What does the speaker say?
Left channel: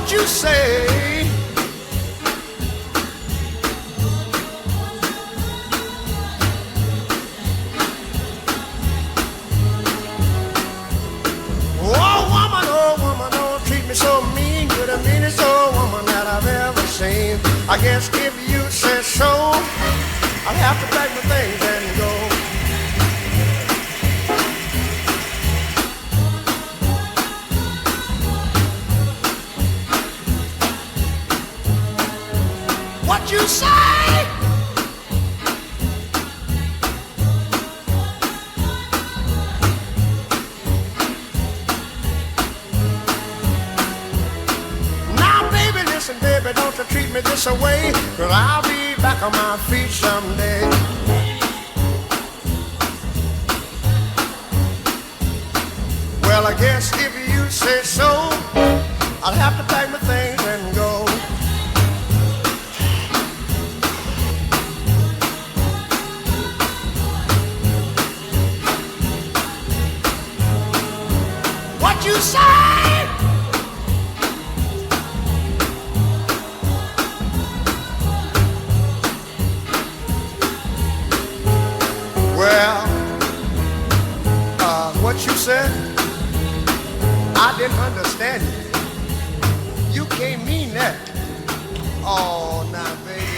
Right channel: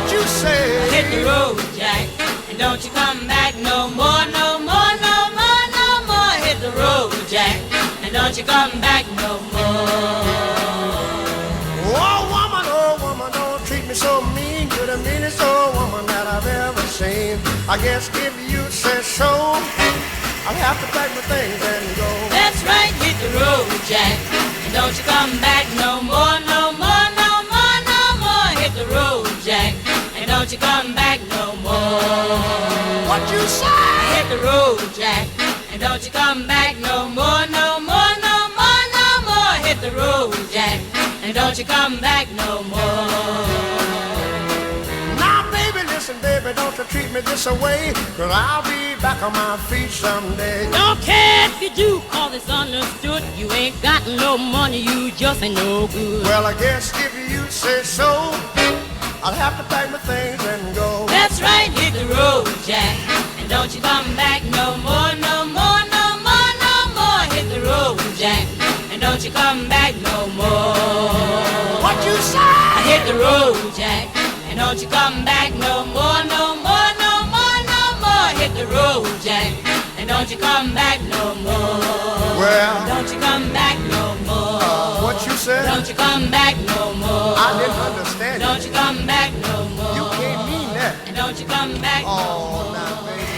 What you say? Hit the road, Jack, and don't you come back no more, no more, no more, no more. Hit the road, Jack, and don't you come back no more. Oh woman, don't treat me so mean. You're the meanest old woman that I've ever seen. I guess if you say so, I'll have to pack my things and go. That's right, hit the road, Jack, and don't you come back no more, no more, no more, no more. Hit the road, Jack, and don't you come back no more. What you say? Hit the road, Jack, and don't you come back no more, no more, no more, no more. Hit the road, Jack, and don't you come back no more. Now baby, listen baby, don't you treat me this away, 'cause I'll be back on my feet someday. Don't care if you do, all is understood. You ain't got no money, you just ain't no good. Well, I guess if you say so, I'll have to pack my things and go. That's right, hit the road, Jack, and don't you come back no more, no more, no more, no more. Hit the road, Jack, and don't you come back no more. What you say? Hit the road, Jack, and don't you come back no more, no more, no more, no more. Hit the road, Jack, and don't you come back no more. Well, Don't you come back no more. what you said? Don't you come back no more. I didn't understand Don't you. you come back no more. You can't mean that. Don't you come back. Oh, now baby.